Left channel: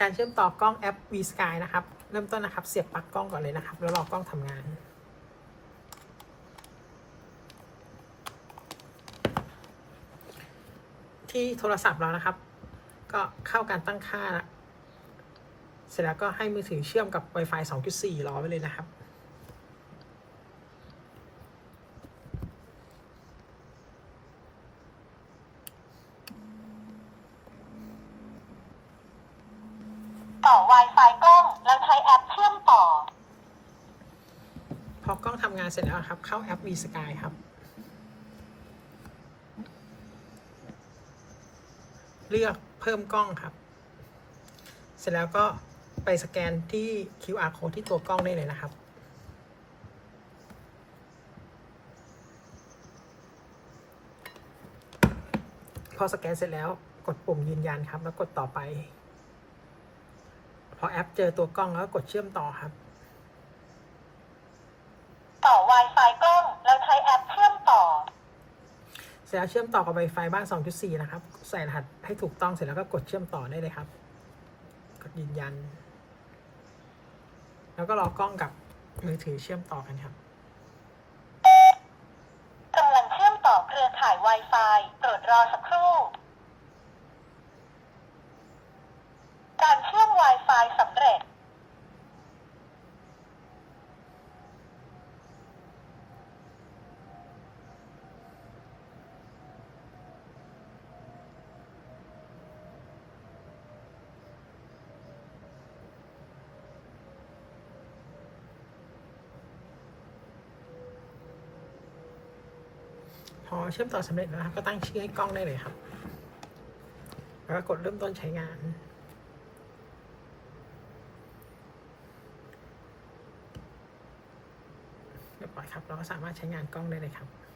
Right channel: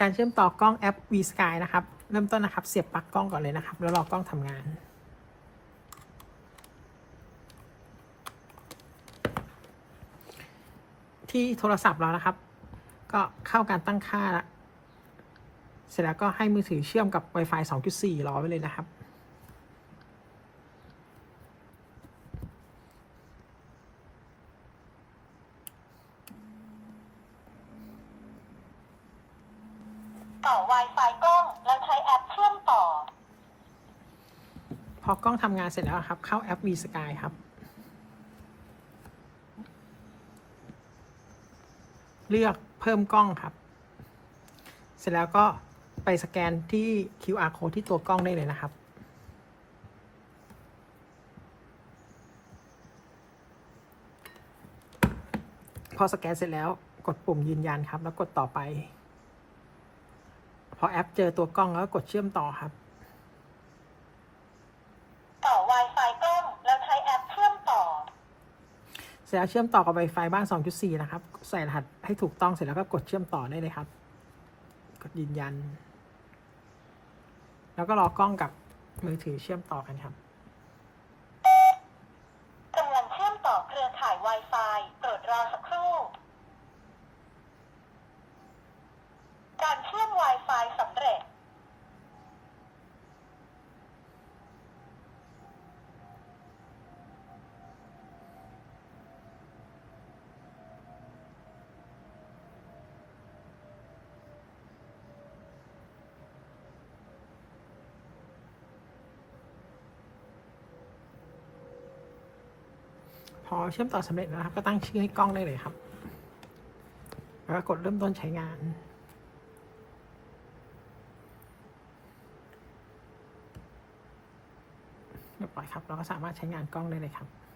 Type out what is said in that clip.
การเชื่อมต่อกล้องแอป V Sky นะครับ เริ่มต้นนะครับ เสียบปลั๊กกล้องก่อนเลยนะครับ แล้วรอกล้องทำงาน ที่โทรศัพท์เรานะครับ ก็เข้าการตั้งค่าละเสร็จแล้วก็ให้มือถือเชื่อมกับ Wi-Fi 2.4 รอไว้เลยนะครับ ต่อ Wi-Fi กล้อง แล้วใช้แอปเชื่อมต่อ พอกล้องทำงานเสร็จแล้วครับ เข้าแอป V Sky ครับ เลือกเพิ่มกล้องครับ เสร็จแล้วก็ไปสแกนที่ QR code ที่ตัวกล้องได้เลยนะครับพอสแกนเสร็จแล้วกดปุ่มยืนยันครับ แล้วกดต่อไป พอแอปเจอตัวกล้องแล้วก็กดเชื่อมต่อครับ ต่อ Wi-Fi กล้องแล้วใช้แอปเชื่อมต่อ เสร็จแล้วเชื่อมต่อกับ Wi-Fi บ้าน 2.4 นะครับ ใส่รหัสให้ถูกต้องเสร็จแล้วก็กดเชื่อมต่อได้เลยครับ กดยืนยัน แล้วก็รอกล้องกับมือถือเชื่อมต่อกันครับกำลังเชื่อมต่อเครือข่าย Wi-Fi โปรดรอสักครู่การเชื่อม Wi-Fi สำเร็จ พอเชื่อมต่อสำเร็จแล้วนะครับก็ตั้งชื่อให้กล้องได้เลยครับแล้วก็กดเริ่มต้นใช้งาน เรียบร้อยครับ เราก็สามารถใช้งานกล้องได้เลยครับ